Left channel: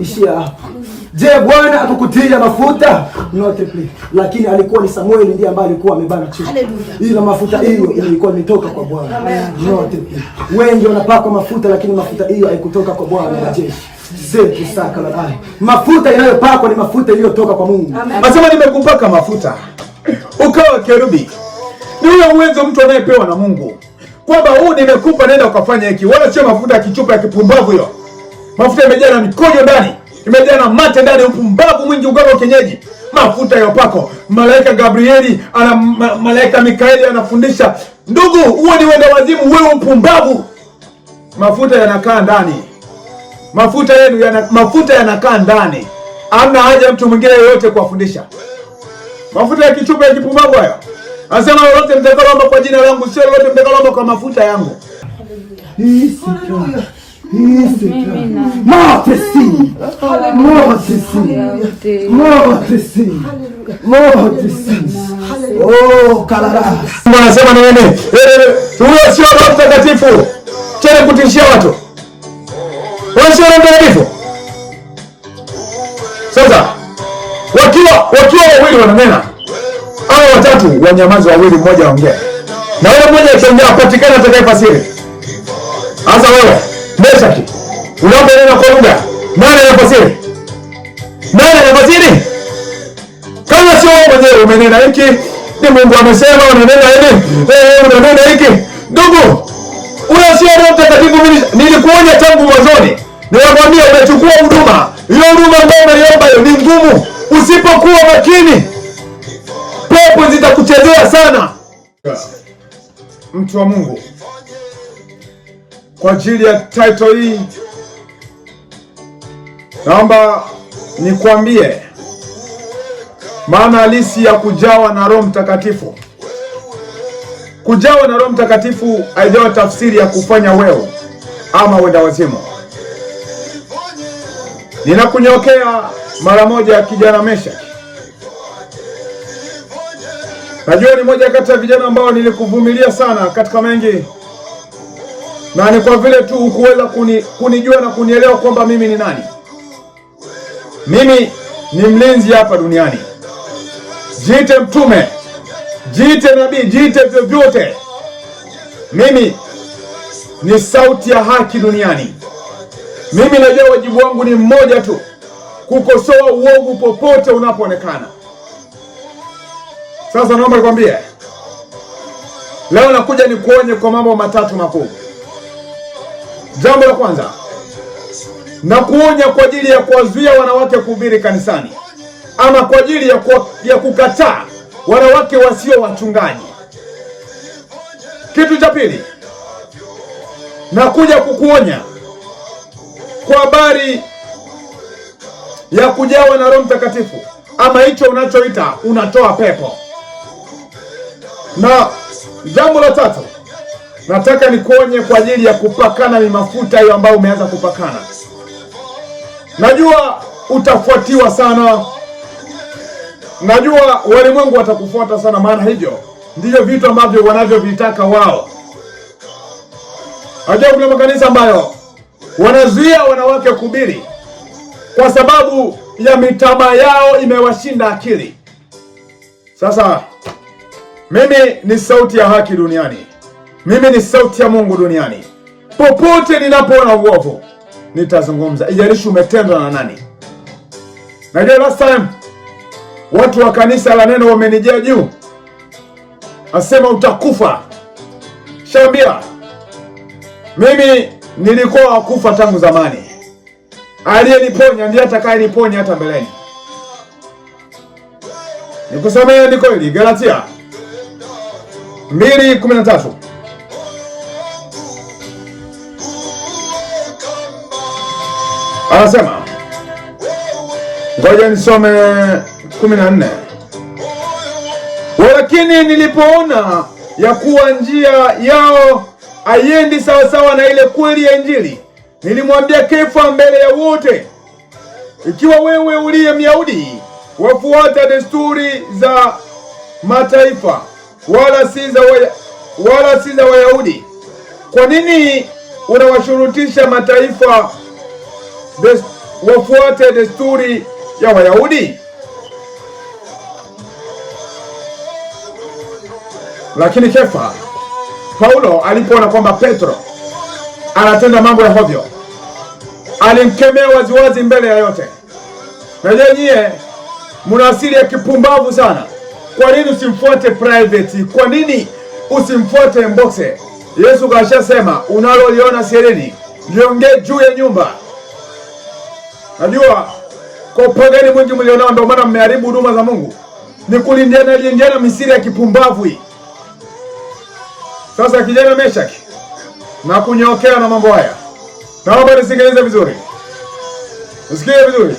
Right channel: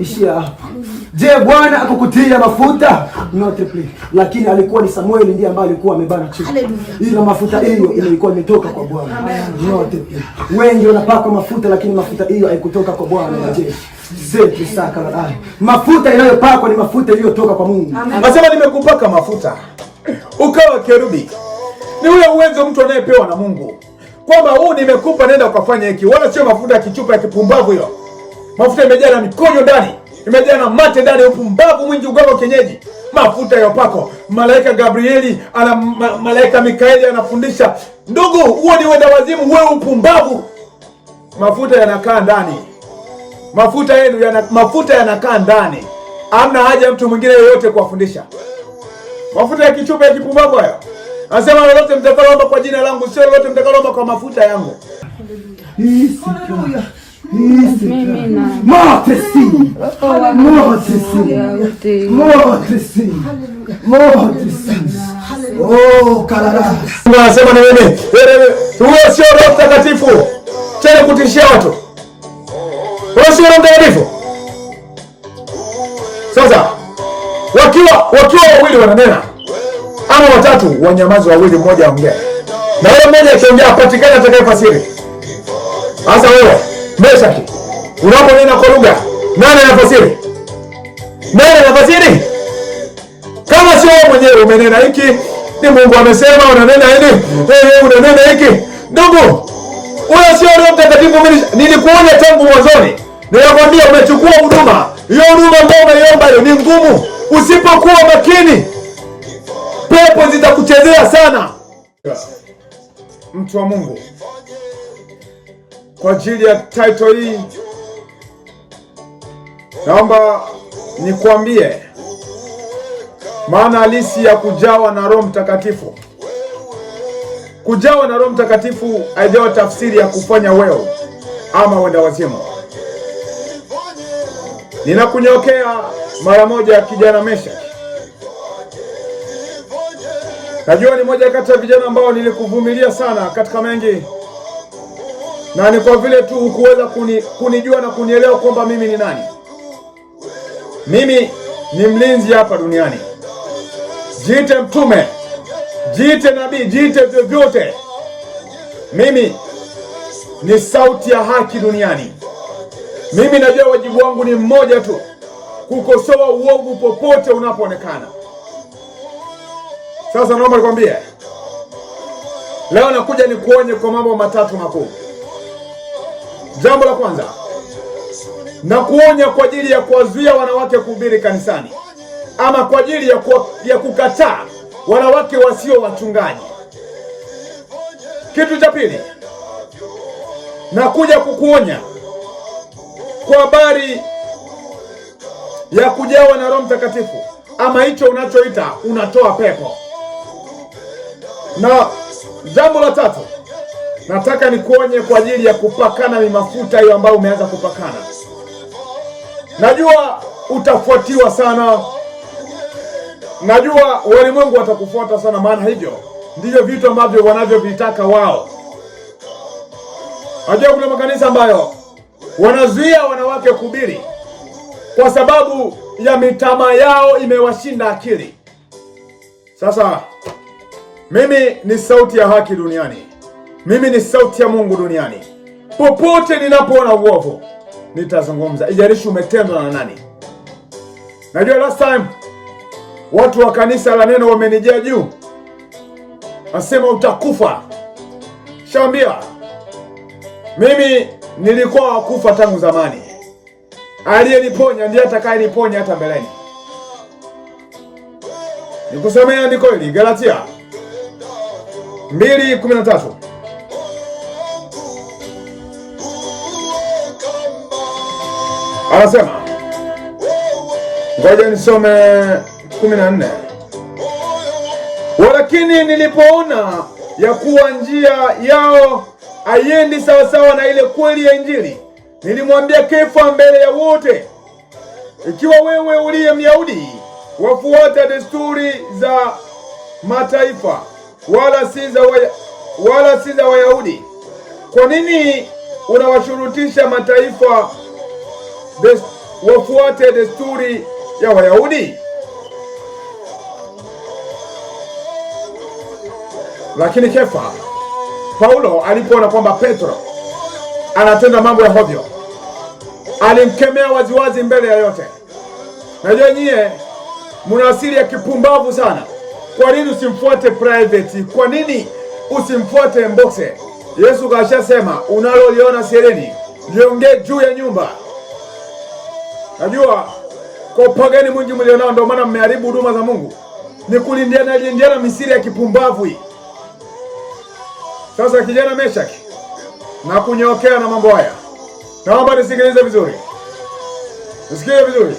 Ishia. Je, Bwana akukutia mafuta? Not please. Lakini alikuwa ni Samuel ndiye ambaye alikuwa amebana chini. Ila mafuta hiyo ilikuwa imetoka kwa Bwana. Not please. Wengi wanapakwa mafuta lakini mafuta hiyo haikutoka kwa Bwana wa majeshi. Zetu saka la ai. Mafuta inayopakwa ni mafuta iliyotoka kwa Mungu. Nasema nimekupaka mafuta ukawa kerubi. Ni ule uwezo mtu anayepewa na Mungu. Kwamba huu nimekupa nenda ukafanya hiki. Wala sio mafuta ya kichupa ya kipumbavu hiyo. Mafuta imejaa na mikojo ndani. Imejaa na mate ndani, upumbavu mwingi, uganga kienyeji. Mafuta ya upako. Malaika Gabrieli malaika Mikaeli anafundisha. Ndugu, huo ni wenda wazimu, wewe upumbavu. Mafuta yanakaa ndani. Mafuta yanakaa ndani. Hamna haja mtu mwingine yoyote kuwafundisha. Mafuta ya kichupa ya kipumbavu hayo. Anasema lolote mtakaloomba kwa jina langu, sio lolote mtakaloomba kwa mafuta yangu. Oh, kalala. Anasema nini? Huyo sio Roho Mtakatifu. Tena kutishia watu. Huyo sio Roho Mtakatifu. Sasa wakiwa wawili wananena, ama watatu wanyamazi, wawili mmoja aongea. Na yule mmoja akiongea apatikane atakayefasiri. Sasa wewe, Meshaki, unaponena kwa lugha, nani anafasiri? Nani anafasiri? Kama sio wewe mwenyewe umenena hiki, ni Mungu amesema unanena hili, unanena hiki. Ndugu, huyo sio Roho Mtakatifu. Nilikuonya tangu mwanzoni. Nilikwambia umechukua huduma. Hiyo huduma ambayo umeiomba hiyo ni ngumu. Usipokuwa makini, pepo zitakuchezea sana. Mtu wa Mungu, kwa ajili ya title hii naomba nikwambie maana halisi ya kujawa na Roho Mtakatifu. Kujawa na Roho Mtakatifu haijawa tafsiri ya kufanya wewe ama wenda wazimu. Ninakunyokea mara moja kijana Meshaki. Najua ni moja kati ya vijana ambao nilikuvumilia sana katika mengi. Na ni kwa vile tu ukuweza kunijua na kunielewa kwamba mimi ni nani. Mimi ni mlinzi hapa duniani. Jiite mtume, jiite nabii, jiite vyovyote. Mimi ni sauti ya haki duniani. Mimi najua wajibu wangu ni mmoja tu, kukosoa uovu popote unapoonekana. Sasa naomba nikwambie, leo nakuja nikuonye kwa mambo matatu makuu. Jambo la kwanza, na kuonya kwa ajili ya kuwazuia wanawake kuhubiri kanisani, ama kwa ajili ya kukataa wanawake wasio wachungaji. Kitu cha pili, nakuja kukuonya kwa habari ya kujawa na Roho Mtakatifu, ama hicho unachoita unatoa pepo. Na jambo la tatu, nataka nikuonye kwa ajili ya kupakana ni mafuta hiyo ambayo umeanza kupakana. Najua utafuatiwa sana. Najua walimwengu watakufuata sana, maana hivyo ndivyo vitu ambavyo wanavyovitaka wao. Najua kuna makanisa ambayo wanazuia wanawake kuhubiri kwa sababu ya mitama yao imewashinda akili. Sasa mimi ni sauti ya haki duniani. Mimi ni sauti ya Mungu duniani. Popote ninapoona uovu nitazungumza, ijalishi umetendwa na nani. Najua last time watu wa kanisa la neno wamenijia juu, asema utakufa. Shambia, mimi nilikuwa wakufa tangu zamani. Aliyeniponya ndiye atakayeniponya hata mbeleni. Nikusomea andiko hili, Galatia 2:13. Anasema, ngoja nisome 14. Walakini nilipoona ya kuwa njia yao haiendi sawasawa na ile kweli ya Injili, nilimwambia Kefa mbele ya wote, ikiwa wewe uliye Myahudi wafuata desturi za mataifa wala si za Wayahudi, kwa nini unawashurutisha mataifa wafuate desturi ya Wayahudi? Lakini Kefa, Paulo alipoona kwamba Petro anatenda mambo ya hovyo, alimkemea waziwazi mbele ya yote. Najua nyie mna asili ya kipumbavu sana. Kwa nini usimfuate private? Kwa nini usimfuate mboxe? Yesu kashasema, unaloliona sirini liongee juu ya nyumba. Najua kwa upagani mwingi mlionao ndio maana mmeharibu huduma za Mungu. Ni kulindiana misiri ya kipumbavu hii. Sasa kijana Meshaki, na kunyokea na mambo haya, naomba nisikilize vizuri. Nisikie vizuri.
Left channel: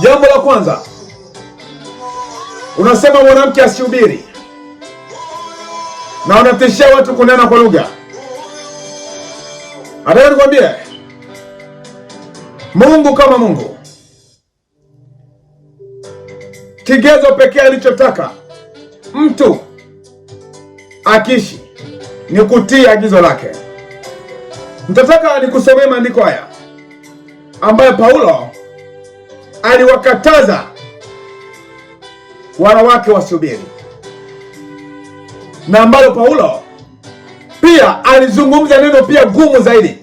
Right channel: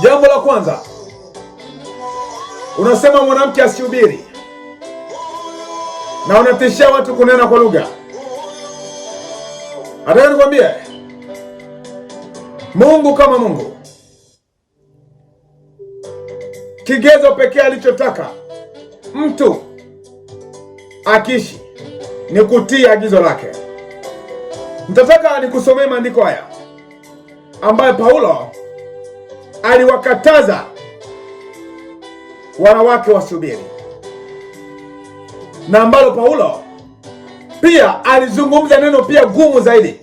Jambo la kwanza, unasema mwanamke asihubiri, na unatishia watu kunena kwa lugha. Nataka nikwambie, Mungu kama Mungu, kigezo pekee alichotaka mtu akishi ni kutii agizo lake. Nitataka nikusomee maandiko haya ambayo Paulo aliwakataza wanawake wasihubiri, na ambalo Paulo pia alizungumza neno pia gumu zaidi.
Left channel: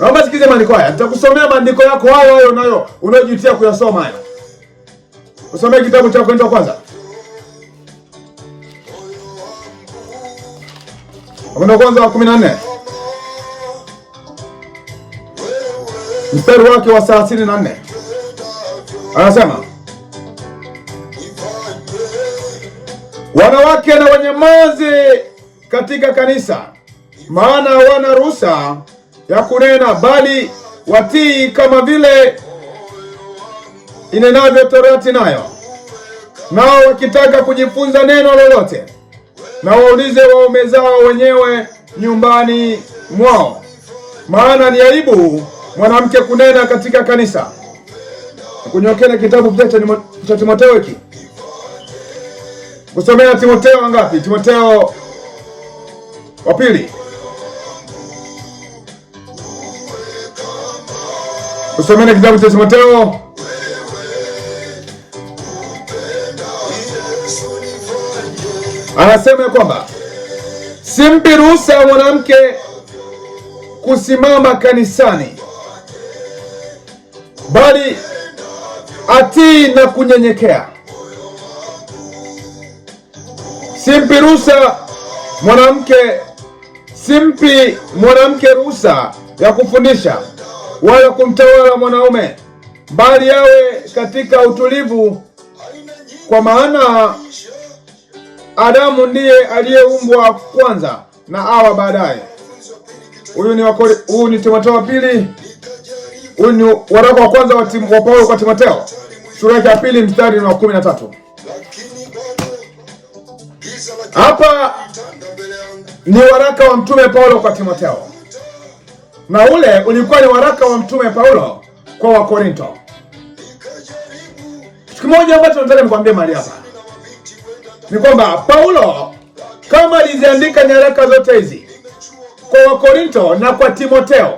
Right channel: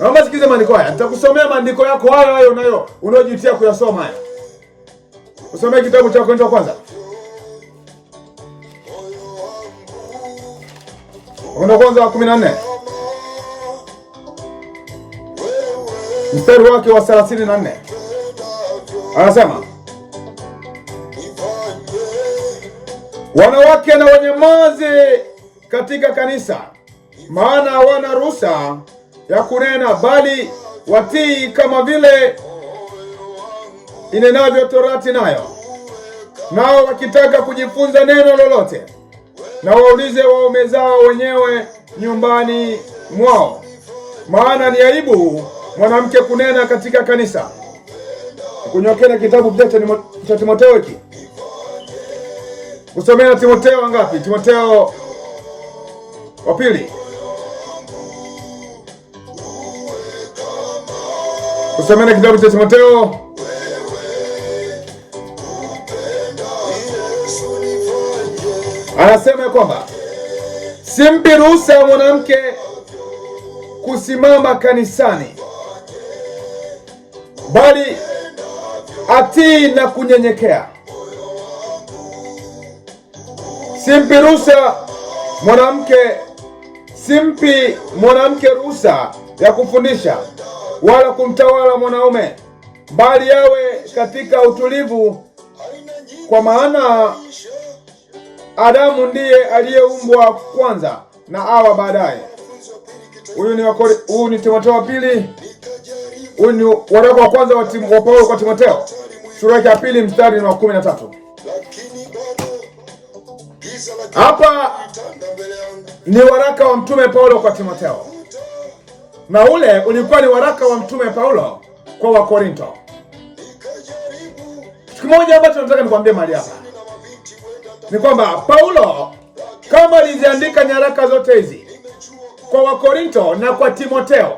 Naomba sikize maandiko haya. Nitakusomea maandiko yako hayo unayo unayojutia kuyasoma hayo. Usomee kitabu cha Wakorintho wa kwanza. Wakorintho wa kwanza 14. Mstari wake wa 34. Anasema, wanawake na wanyamaze katika kanisa, maana hawana ruhusa ya kunena, bali watii kama vile inenavyo Torati nayo. Nao wakitaka kujifunza neno lolote, na waulize waume zao wenyewe nyumbani mwao, maana ni aibu mwanamke kunena katika kanisa. Kunyokea kitabu cha Timotheo hiki. Kusomea Timotheo ngapi? Timotheo wa pili. Kusomea kitabu cha Timotheo anasema kwamba simpi ruhusa mwanamke kusimama kanisani, bali atii na kunyenyekea. Simpi mwanamke ruhusa ya kufundisha wala kumtawala mwanaume, bali yawe katika utulivu, kwa maana Adamu ndiye aliyeumbwa kwanza na Hawa baadaye. Huyu ni Timotheo wa pili. Huyu ni waraka wa kwanza wa Paulo kwa Timotheo, sura ya pili mstari wa 13. Hapa ni waraka wa mtume Paulo kwa Timotheo, na ule ulikuwa ni waraka wa mtume Paulo kwa Wakorintho. Kitu kimoja ambacho nataka nikwambie mahali hapa ni kwamba Paulo kama aliziandika nyaraka zote hizi kwa Wakorintho na kwa Timotheo,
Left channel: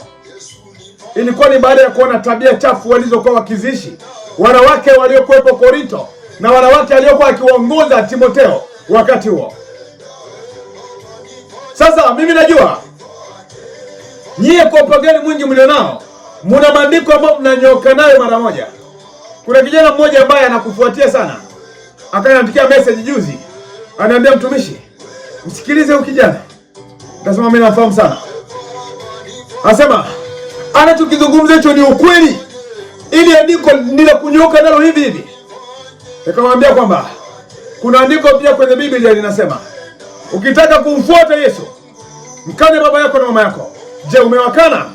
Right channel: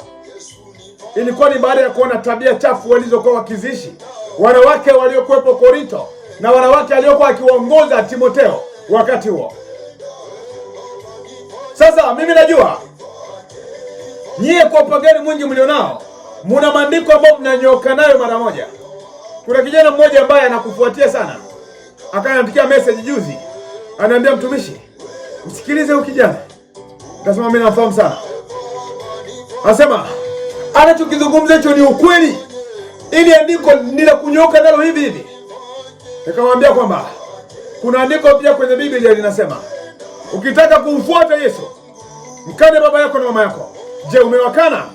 ilikuwa ni baada ya kuona tabia chafu walizokuwa wakizishi wanawake waliokuwepo Korintho na wanawake waliokuwa akiwaongoza Timotheo wakati huo. Sasa mimi najua nyie kwa upagani mwingi mlionao muna maandiko ambayo mnanyoka nayo mara moja. Kuna kijana mmoja ambaye anakufuatia sana, akaniandikia message juzi, ananiambia, mtumishi, msikilize huyu kijana. Nasema mimi nafahamu sana. Anasema anachokizungumza hicho ni ukweli, ili andiko nila kunyoka nalo hivi hivi. Nikamwambia kwamba kuna andiko pia kwenye Biblia linasema, ukitaka kumfuata Yesu, mkane baba yako na mama yako. Je, umewakana?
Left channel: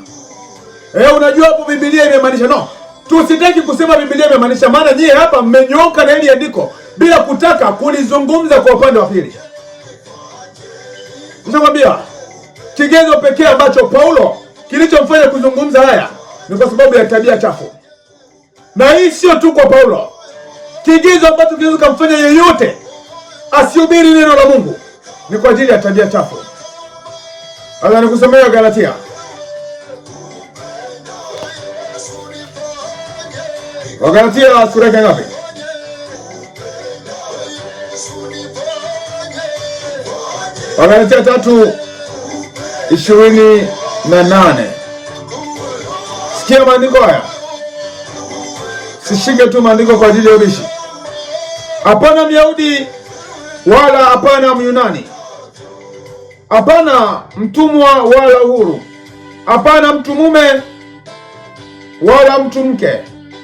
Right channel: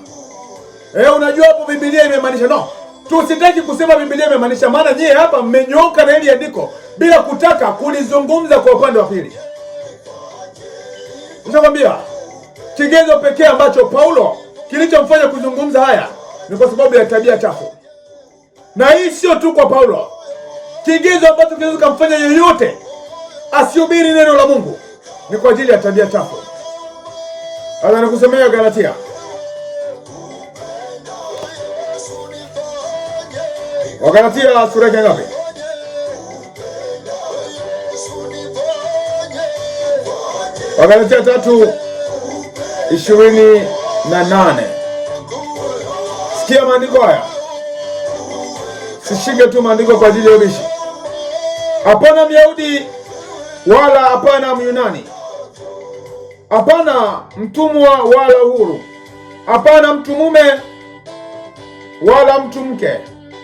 Unajua hapo Biblia imemaanisha? No, tusitaki kusema Biblia imemaanisha, maana nyie hapa mmenyoka na hili andiko bila kutaka kulizungumza kwa upande wa pili. Nishakwambia kigezo pekee ambacho Paulo kilichomfanya kuzungumza haya ni kwa sababu ya tabia chafu. Na hii sio tu kwa Paulo. Kigezo ambacho kinaweza kumfanya yeyote asihubiri neno la Mungu ni kwa ajili ya tabia chafu. Sasa nikusomea Galatia. Wagalatia sura ya ngapi? Wagalatia 3:28. Sikia maandiko haya. Sishike tu maandiko kwa ajili ya ubishi. Hapana Myahudi wala hapana Myunani, hapana mtumwa wala huru, hapana mtu mume wala mtu mke,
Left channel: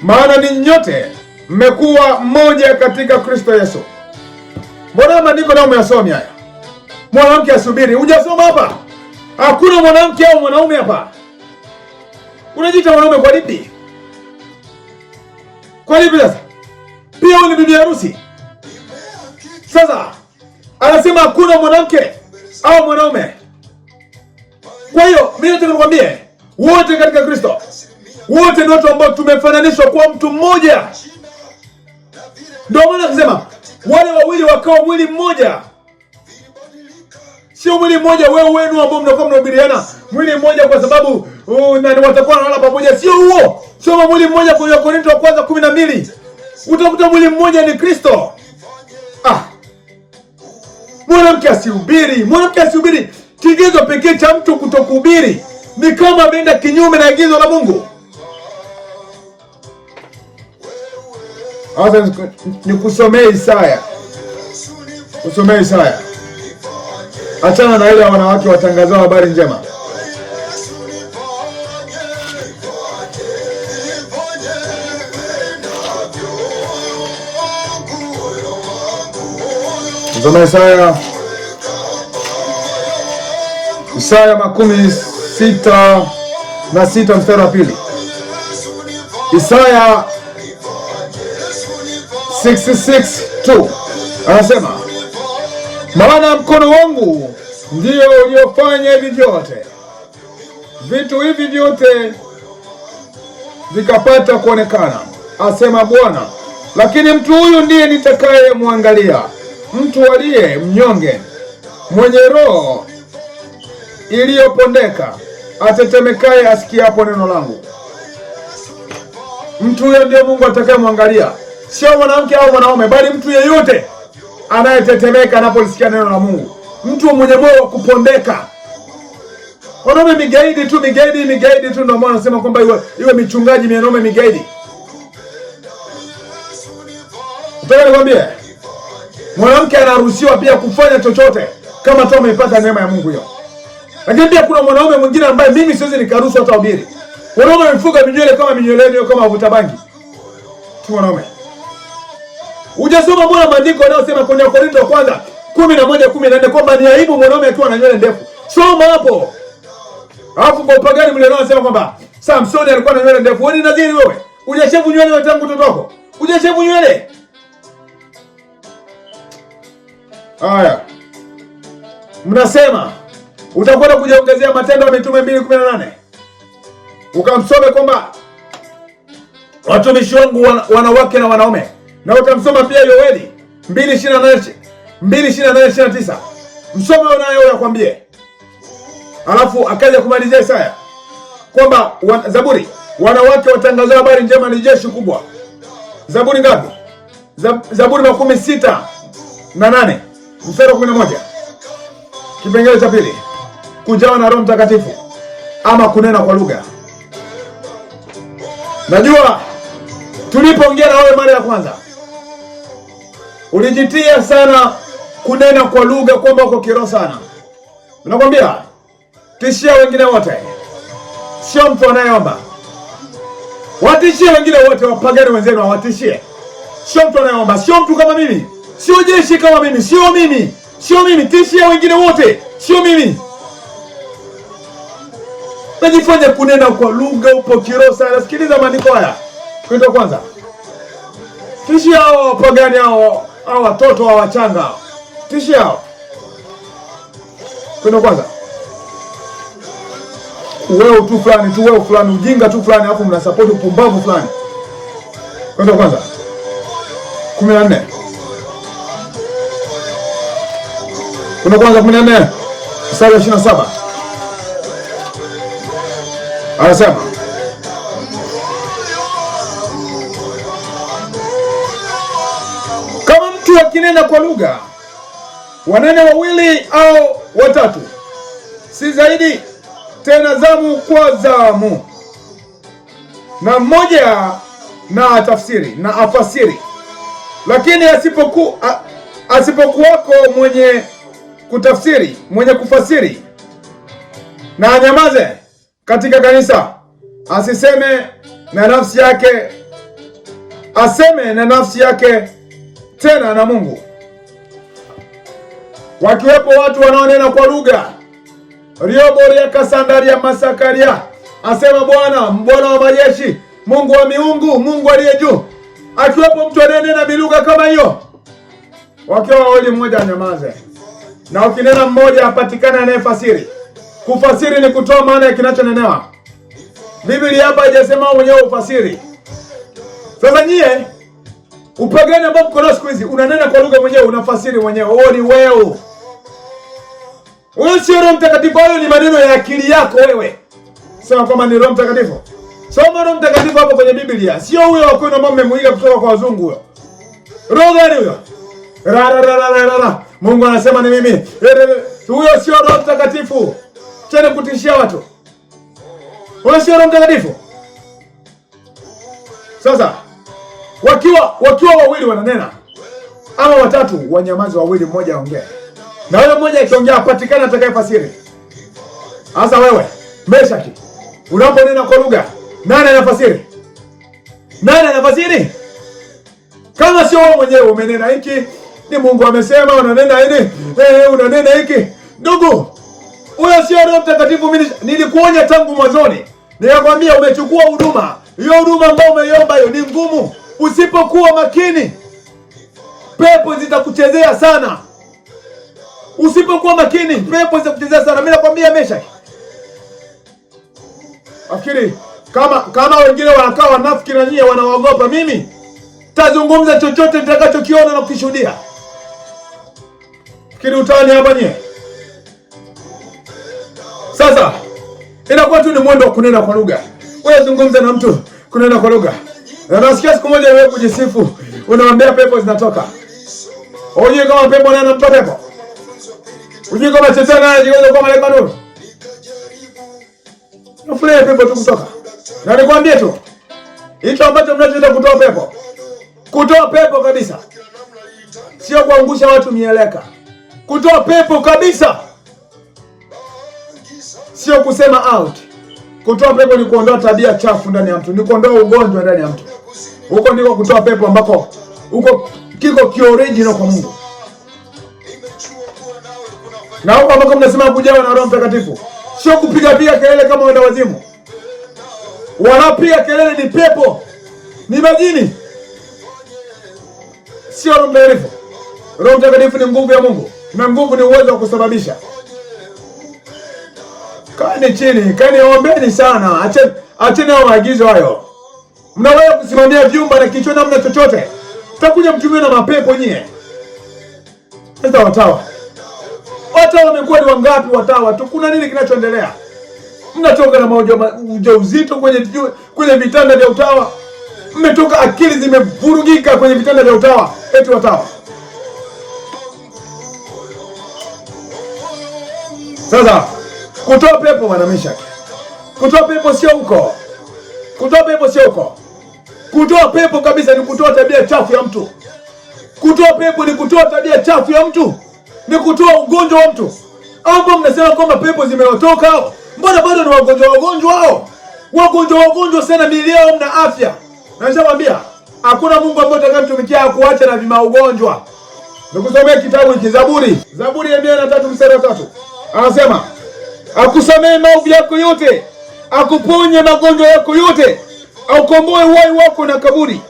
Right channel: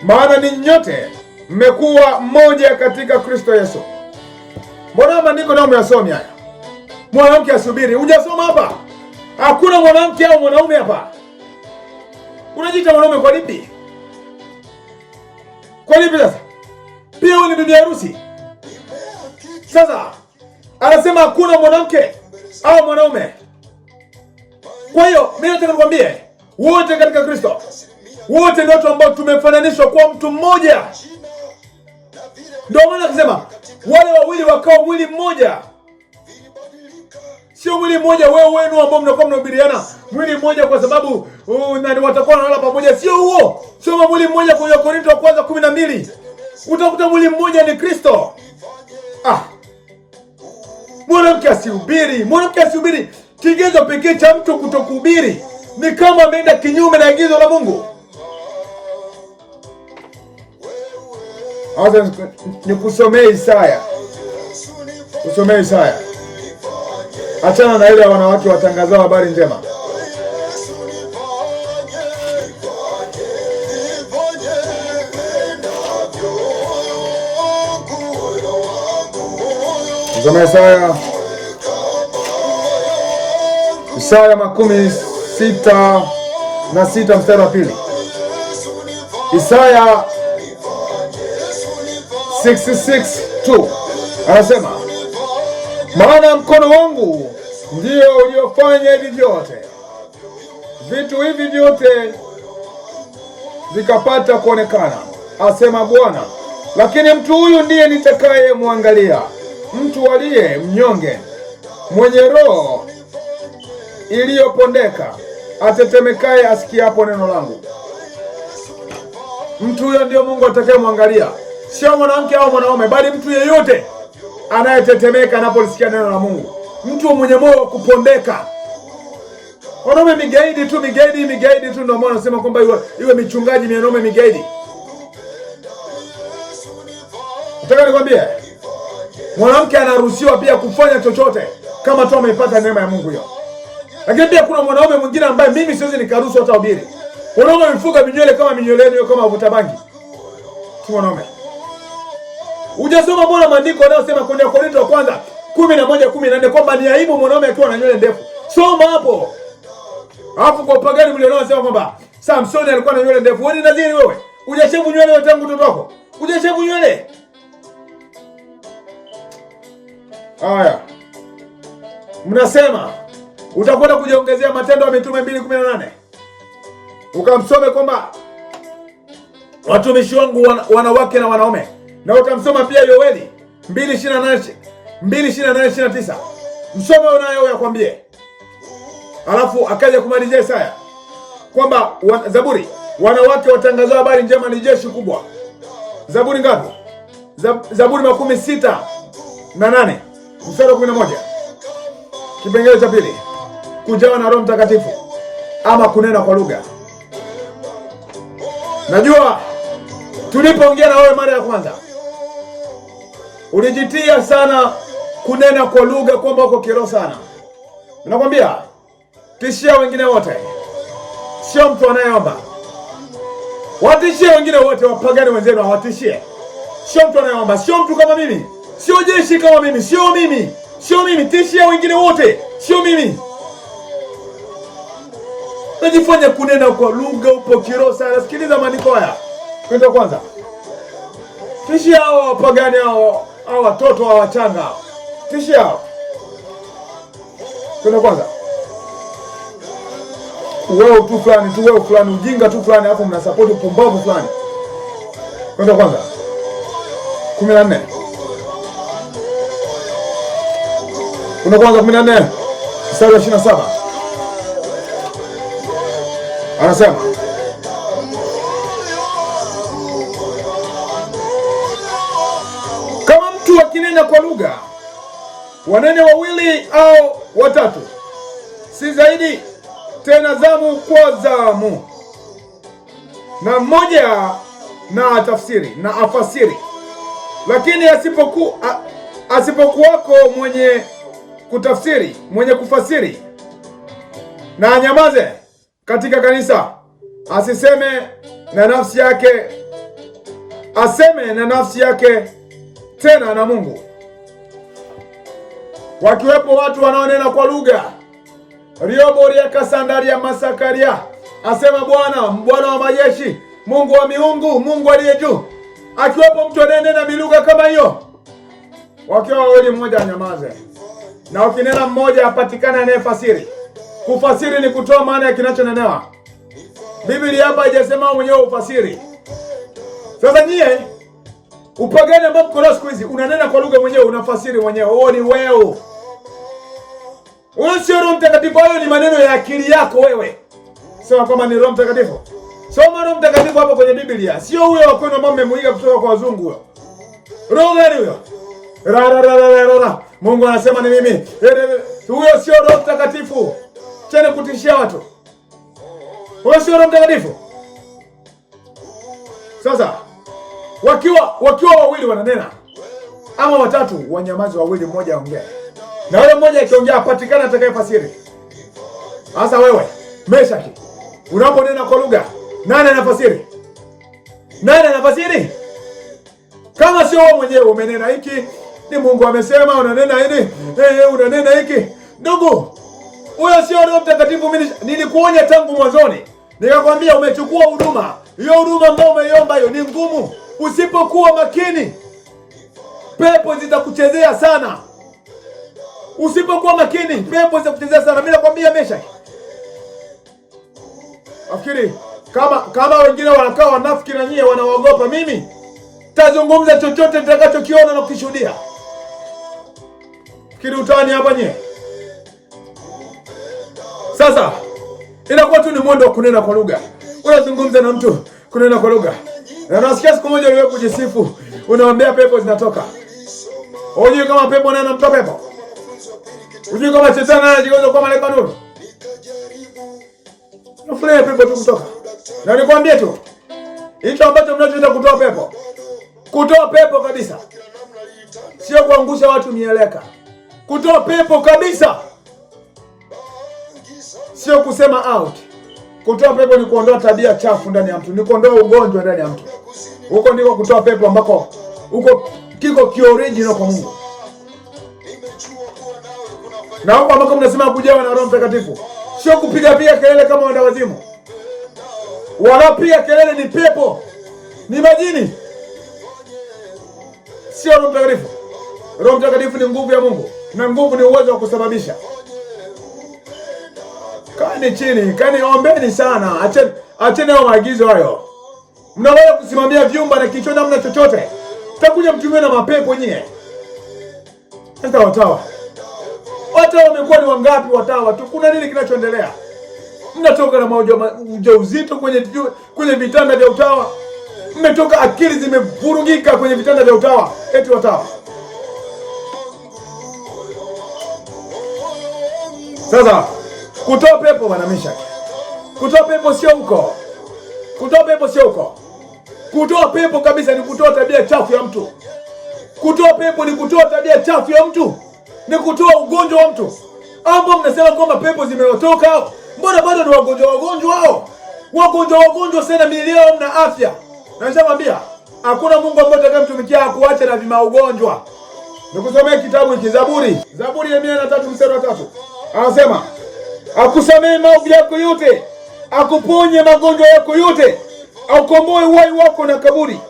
maana ni nyote mmekuwa mmoja katika Kristo Yesu. Mbona maandiko nao umeyasoma haya? Mwanamke asubiri, hujasoma hapa? Hakuna mwanamke au mwanaume hapa. Unajiita mwanaume kwa lipi? Kwa lipi sasa? Pia wewe ni bibi harusi. Sasa anasema hakuna mwanamke au mwanaume. Kwa hiyo mimi nataka nikwambie, wote katika Kristo, wote ni watu ambao tumefananishwa kwa mtu mmoja. Ndio maana akasema wale wawili wakawa mwili mmoja. Sio mwili mmoja wewe wenu ambao mnakuwa mnahubiriana mwili mmoja kwa sababu nani watakuwa wanalala pamoja. Sio huo. Soma mwili mmoja kwenye Korinto wa kwanza 12. Utakuta mwili mmoja ni Kristo. Mwanamke asihubiri. Mwanamke asihubiri. Kigezo pekee cha mtu kutokuhubiri ni kama ameenda kinyume na agizo la Mungu. Sasa nikusomee Isaya. Usomee Isaya. Achana na ile wanawake watangazao habari njema. Usomee Isaya. Isaya 66 mstari wa 2. Isaya 66:2 anasema, maana mkono wangu ndio uliofanya hivi vyote, vitu hivi vyote vikapata kuonekana, asema Bwana. Lakini mtu huyu ndiye nitakaye muangalia, mtu aliye mnyonge, mwenye roho iliyopondeka, atetemekaye asikiapo neno langu. Mtu huyo ndio Mungu atakaye muangalia, sio mwanamke au mwanaume, bali mtu yeyote anayetetemeka anapolisikia neno la Mungu. Mtu mwenye moyo wa kupondeka. Wanaume migaidi tu ndio maana nasema kwamba iwe michungaji wanaume migaidi. Nataka nikwambie, mwanamke anaruhusiwa pia kufanya chochote kama tu ameipata neema ya Mungu hiyo. Lakini pia kuna mwanaume mwingine ambaye mimi siwezi nikaruhusu hata ubiri. Wanaume wamefuga minywele kama minyweleni kama wavuta bangi. Tu mwanaume. Hujasoma mbona maandiko yanayosema kwenye Korinto wa kwanza 11:14 kwamba ni aibu mwanaume akiwa na nywele ndefu? Soma hapo. Alafu kwa upagani mle nao anasema kwamba Samson alikuwa na nywele ndefu. Wewe ni nadhiri wewe? Hujashevu nywele wewe tangu utoto wako? Hujashevu nywele? Haya. Mnasema utakwenda kujiongezea Matendo ya Mitume 2:18. Ukamsome kwamba watumishi wangu wanawake na wanaume. Na utamsoma pia Yoeli 2:28-29. Msome unayo yakwambie. Alafu akaja kumalizia Isaya kwamba Zaburi, wanawake watangazao habari njema ni jeshi kubwa. Zaburi ngapi? Zaburi 68 mstari wa 11. Kipengele cha pili, kujawa na Roho Mtakatifu ama kunena kwa lugha. Najua tulipoongea na wewe mara ya kwanza ulijitia sana kunena kwa lugha kwamba uko kiroho sana. Nakwambia tishia wengine wote. Sio mtu anayeomba. Watishie wengine wote, wapagani wenzenu hawatishie. Sio mtu anayeomba, sio mtu kama mimi. Sio jeshi kama mimi, sio mimi. Sio mimi, tishia wengine wote, sio mimi. Najifanya kunena kwa lugha upo kiroho sana. Sikiliza maandiko haya. Kwenda kwanza. Tishia hao wapagani hao watoto hao wachanga hao. Tishia hao. Kwenda kwanza. Wewe tu fulani, ujinga tu fulani, hapo mnasupport upumbavu fulani. Kwenda kwanza. 14. Kwenda kwanza 14. Mstari wa 27. Anasema mtu akinena kwa lugha, wanene wawili au watatu, si zaidi, tena zamu kwa zamu, na mmoja na tafsiri na afasiri. Lakini asipokuwako mwenye kutafsiri, mwenye kufasiri, na anyamaze katika kanisa, aseme na nafsi yake tena na Mungu. Wakiwepo watu wanaonena kwa lugha, rioboria kasandaria masakaria, asema Bwana wa majeshi, Mungu wa miungu, Mungu aliye juu. Akiwepo mtu anenena bilugha kama hiyo, wakiwa wawili, mmoja anyamaze, na ukinena mmoja apatikane anayefasiri. Kufasiri ni kutoa maana ya kinachonenewa. Biblia hapa haijasema mwenyewe ufasiri. Sasa nyie upagani ambao mko nao siku hizi, unanena kwa lugha mwenyewe, unafasiri mwenyewe. Huo ni wewe. Huyo sio Roho Mtakatifu, hayo ni maneno ya akili yako wewe. Sema kama ni Roho Mtakatifu. Soma Roho Mtakatifu hapo kwenye Biblia. Sio huyo wa kwenu ambao mmemuiga kutoka kwa wazungu huyo. Roho gani huyo? Mungu anasema ni mimi. Huyo sio Roho Mtakatifu. Tena kutishia watu. Huyo sio Roho Mtakatifu. Sasa wakiwa wawili wananena, ama watatu, wanyamazi wawili, mmoja aongee. Na yule mmoja akiongea apatikana atakayefasiri. Sasa wewe, Meshaki, unaponena kwa lugha, nani anafasiri? Nani anafasiri? Kama sio wewe mwenyewe umenena hiki, ni Mungu amesema, unanena hili, unanena hiki. Ndugu, huyo sio Roho Mtakatifu. Mimi nilikuonya tangu mwanzoni. Nikakwambia umechukua huduma. Hiyo huduma ambayo umeiomba hiyo ni ngumu. Usipokuwa makini, pepo zitakuchezea sana. Usipokuwa makini, pepo zitakuchezea sana. Mimi nakwambia Meshaki. Afikiri kama wengine wanakaa wanafiki na nyie wanaogopa, mimi tazungumza chochote nitakachokiona na kukishuhudia. Fikiri utani hapa nyie. Sasa inakuwa tu ni mwendo wa kunena kwa lugha. Unazungumza na mtu kunena kwa lugha. Na nasikia siku moja wewe kujisifu, unaambia pepo zinatoka. Unajua kama pepo nani anamtoa pepo? Unajua kama shetani anajigeuza kwa malaika nuru? Nafurahi pepo tu kutoka. Na nikwambie tu, hicho ambacho mnachoenda kutoa pepo. Kutoa pepo kabisa. Sio kuangusha watu mieleka. Kutoa pepo kabisa. Sio kusema out. Kutoa pepo ni kuondoa tabia chafu ndani ya mtu, ni kuondoa ugonjwa ndani ya mtu. Huko ndiko kutoa pepo ambako huko kiko kioriginal kwa Mungu. Na huko ambako mnasema kujawa na Roho Mtakatifu, sio kupiga kelele kama wenda wazimu. Wanapiga kelele ni pepo, ni majini. Sio Roho Mtakatifu. Roho Mtakatifu ni nguvu ya Mungu, na nguvu ni uwezo wa kusababisha. Kani chini, kani ombeni sana. Acheni hao maagizo hayo. Mnaweza kusimamia vyumba na kichwa namna chochote. Tutakuja mtumie na mapepo nyie. Sasa watawa wamekuwa ni wangapi watawa tu? Kuna nini kinachoendelea? Mnatoka na ujauzito kwenye vitanda vya utawa. Mmetoka akili zimevurugika kwenye vitanda vya utawa. Eti watawa. Sasa kutoa pepo bwana Meshaki. Kutoa pepo sio huko. Kutoa pepo sio huko. Kutoa pepo kabisa ni kutoa tabia chafu ya mtu. Kutoa pepo ni kutoa tabia chafu ya mtu. Ni kutoa ugonjwa wa mtu. Ambao mnasema kwamba pepo zimewatoka hao. Mbona bado ni wagonjwa hao? Wagonjwa sana, miili yao mna afya. Na nishamwambia hakuna Mungu ambaye atakayemtumikia akuacha na vima ugonjwa. Nikusomea kitabu hiki Zaburi ya 103 mstari wa 3. Anasema akusamehe maovu yako yote, akuponye magonjwa yako yote, aukomboe uhai wako na kaburi,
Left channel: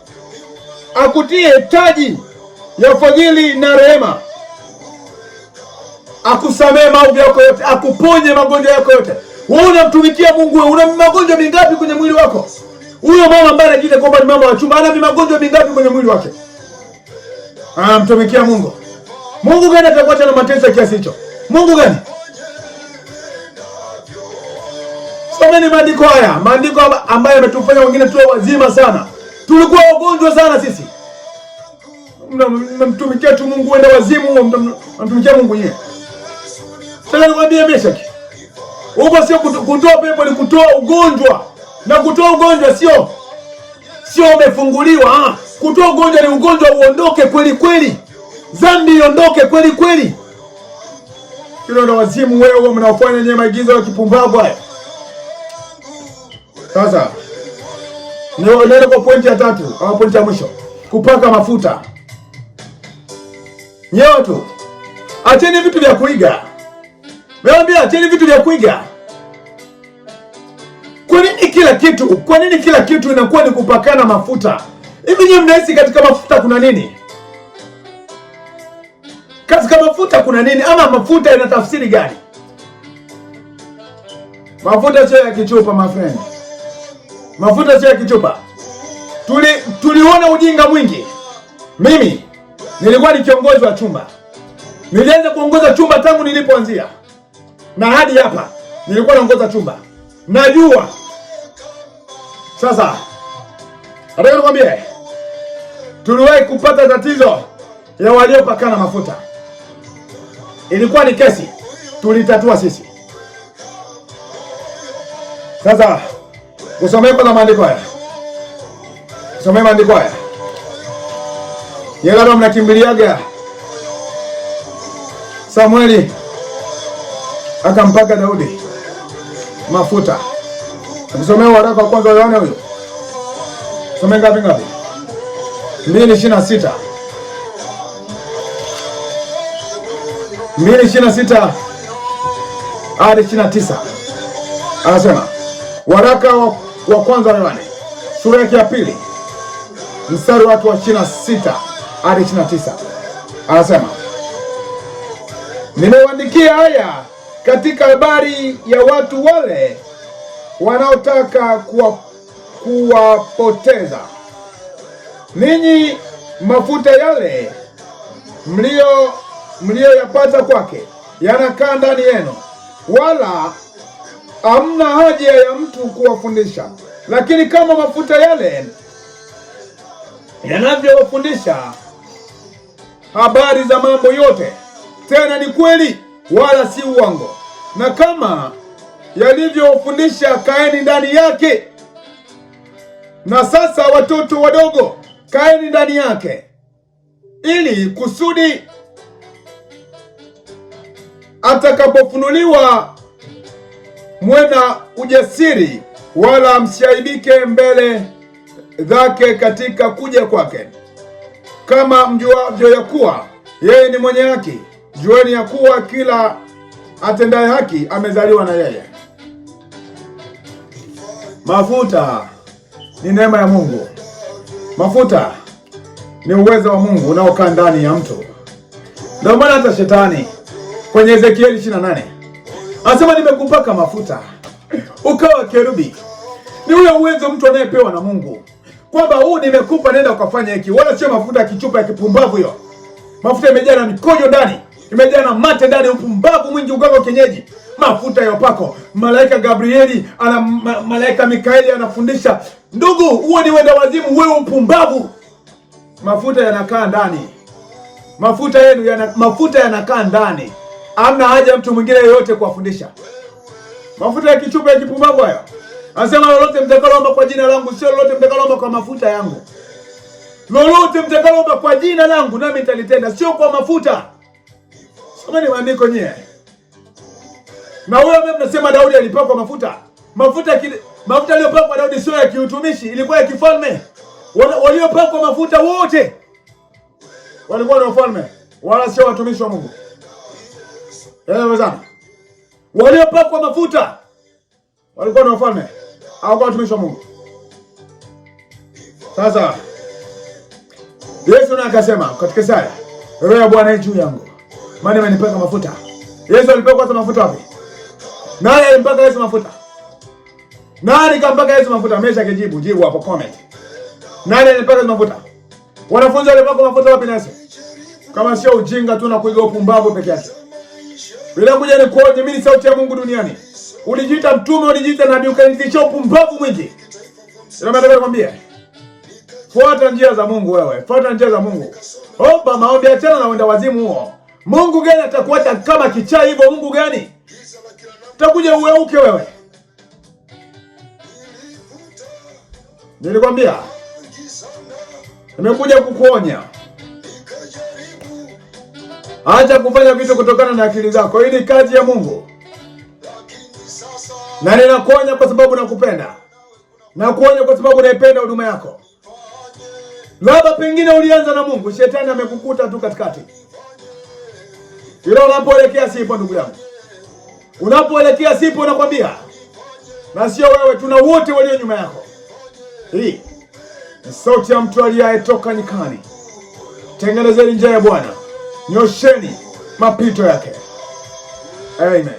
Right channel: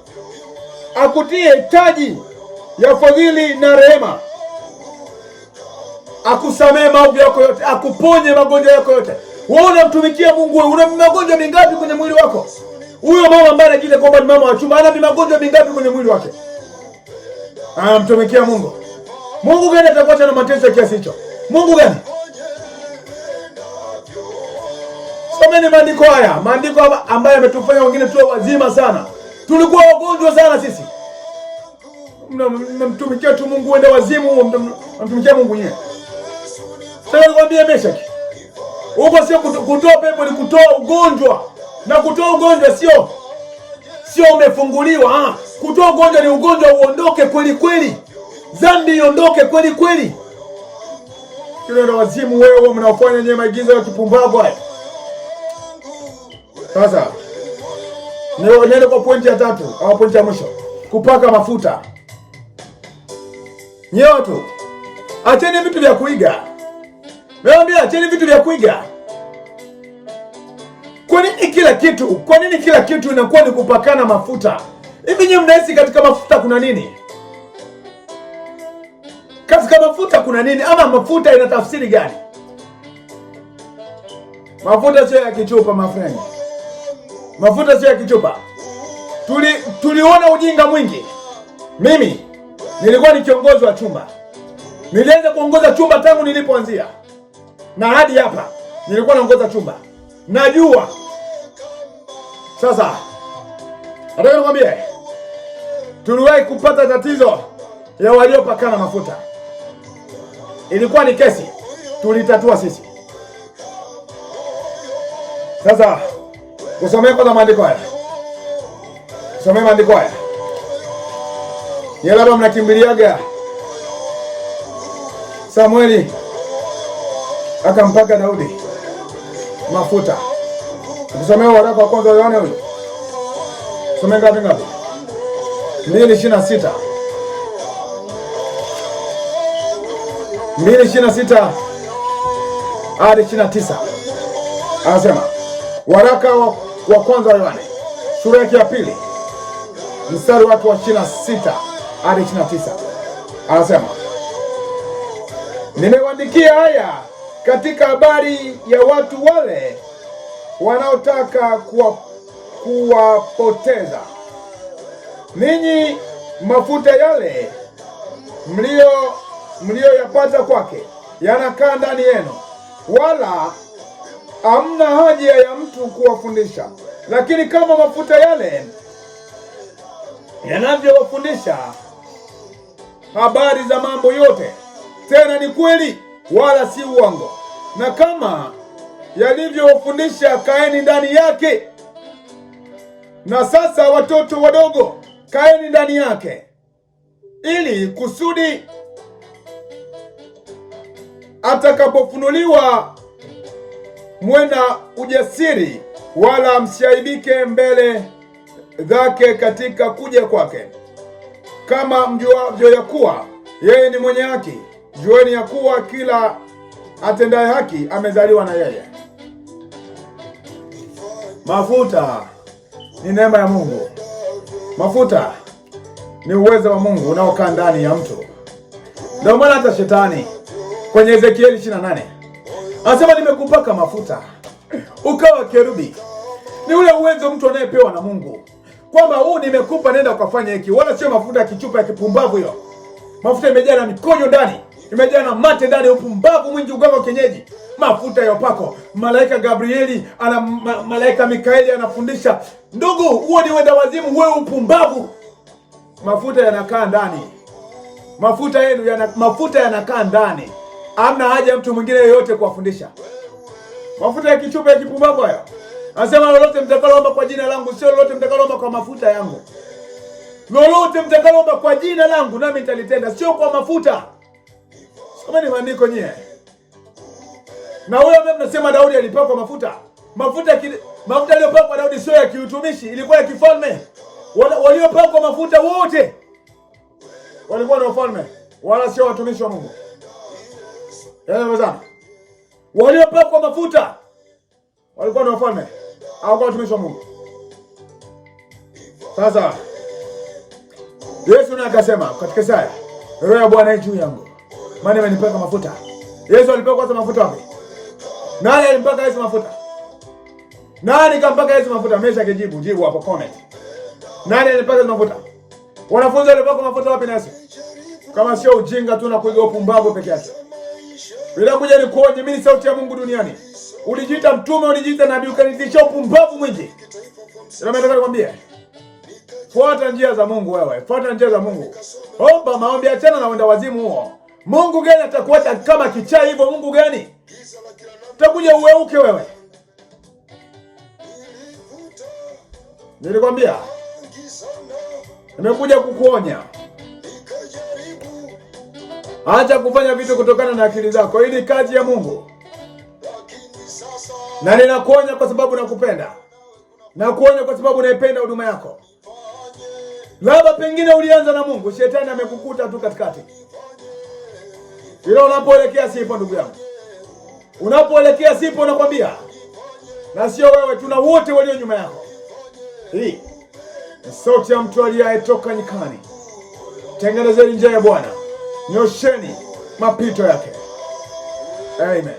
akutie taji ya fadhili na rehema. Akusamehe maovu yako yote, akuponye magonjwa yako yote. Wewe unamtumikia Mungu, una magonjwa mingapi kwenye mwili wako? Huyo mama ambaye anajiita kwamba ni mama wa chumba, ana magonjwa mingapi kwenye mwili wake? Anamtumikia Mungu. Mungu gani atakuacha na mateso kiasi hicho? Mungu gani? Someni maandiko haya, maandiko ambayo yametufanya wengine tuwe wazima sana. Tulikuwa wagonjwa sana sisi. Mnamtumikia tu Mungu wenda wazimu, mnamtumikia Mungu yeye. Sasa nikwambie Meshaki, huko sio kutoa pepo, ni kutoa ugonjwa. Na kutoa ugonjwa sio umefunguliwa. Kutoa ugonjwa ni ugonjwa uondoke kweli kweli. Dhambi iondoke kweli kweli. Kile ndo wazimu wewe mnaofanya nyenye maigizo ya kipumbavu haya. Sasa nenda kwa pointi ya 3 au pointi ya mwisho. Kupaka mafuta. Nyoto. Acheni vitu vya kuiga. Naambia acheni vitu vya kuiga. Kwa nini kila kitu inakuwa ni kupakana mafuta? Hivi nyinyi mnahisi katika mafuta kuna nini? Katika mafuta kuna nini? Ama mafuta ina tafsiri gani? Mafuta sio ya kichupa, my friend. Mafuta sio ya kichupa. Tuliona ujinga mwingi. Mimi nilikuwa ni kiongozi wa chumba. Nilianza kuongoza chumba tangu nilipoanzia. Na hadi hapa nilikuwa naongoza chumba. Najua. Sasa nataka nikwambie, tuliwahi kupata tatizo ya waliopakana mafuta. Ilikuwa ni kesi, tulitatua sisi. Sasa kusomea kwa maandiko haya. Kusomea maandiko haya. Yeye labda mnakimbiliaga Samueli akampaka Daudi mafuta. Tusomee waraka wa kwanza wa Yohana huyo. Tusomee ngapi? 2:26. 2:26 hadi 29. Anasema waraka wa kwanza wa Yohana sura yake ya 2 mstari wake wa 26 hadi 29. Anasema nimewaandikia haya katika habari ya watu wale wanaotaka kuwapoteza ninyi. Mafuta yale mlioyapata kwake yanakaa ndani yenu, wala hamna haja ya mtu kuwafundisha. Lakini kama mafuta yale yanavyowafundisha habari za mambo yote, tena ni kweli wala si uongo, na kama yalivyowafundisha kaeni ndani yake. Na sasa watoto wadogo, kaeni ndani yake, ili kusudi atakapofunuliwa mwena ujasiri, wala msiaibike mbele zake katika kuja kwake. Kama mjuavyo ya kuwa yeye ni mwenye haki, jueni ya kuwa kila atendaye haki amezaliwa na yeye. Mafuta ni neema ya Mungu. Mafuta ni uwezo wa Mungu unaokaa ndani ya mtu. Ndio maana hata shetani kwenye Ezekieli 28 anasema nimekupaka mafuta ukawa kerubi. Ni ule uwezo mtu anayepewa na Mungu, kwamba huu nimekupa, nenda ukafanya hiki. Wala sio mafuta ya kichupa ya kipumbavu hiyo. Mafuta imejaa na mikojo ndani, imejaa na mate ndani, upumbavu mwingi, uganga kienyeji. Mafuta ya upako, malaika Gabrieli malaika Mikaeli anafundisha. Ndugu, huo ni wenda wazimu, wewe upumbavu. Mafuta yanakaa ndani. Mafuta yanakaa ndani. Hamna haja mtu mwingine yeyote kuwafundisha. Mafuta ya kichupa ya kipumbavu hayo. Anasema lolote mtakaloomba kwa jina langu, sio lolote mtakaloomba kwa mafuta yangu. Lolote mtakaloomba kwa jina langu nami nitalitenda, sio kwa mafuta. Someni maandiko nyie. Na huyo mimi mnasema Daudi alipakwa mafuta. Mafuta aliyopakwa Daudi sio ya kiutumishi, ilikuwa ya kifalme. Waliopakwa mafuta wote walikuwa na ufalme, wala sio watumishi wa Mungu. Wezana. Waliopakwa mafuta walikuwa na ufalme, hawakuwa watumishi wa Mungu. Sasa Yesu naye akasema katika Isaya, Roho ya Bwana juu yangu, maana amenipaka mafuta. Yesu alipakwa mafuta wapi? Nani alimpaka Yesu mafuta? Nani kampaka Yesu mafuta? Mesha kijibu, jibu hapo comment. Nani alipaka mafuta? Wanafunzi walipaka mafuta wapi na Yesu? Kama sio ujinga tu na kuiga upumbavu peke yake. Bila kuja ni kuoje, mimi ni sauti ya Mungu duniani. Ulijiita mtume, ulijiita nabii, ukanitisha upumbavu mwingi. Ndio maana nataka nikwambie. Fuata njia za Mungu wewe. Fuata njia za Mungu. Omba maombi, achana na wenda wazimu huo. Mungu gani atakuacha kama kichaa hivyo? Mungu gani? Utakuja uweuke wewe. Nilikwambia. Nimekuja kukuonya. Acha kufanya vitu kutokana na akili zako. Hii ni kazi ya Mungu. Na ninakuonya kwa sababu nakupenda. Nakuonya kwa sababu naipenda huduma yako. Labda pengine ulianza na Mungu, shetani amekukuta tu katikati. Ila unapoelekea sipo ndugu yangu. Unapoelekea sipo nakwambia. Na sio wewe, tuna wote walio nyuma yako. Hii ni sauti ya mtu aliyetoka nyikani. Tengenezeni njia ya Bwana. Nyosheni mapito yake. Amen.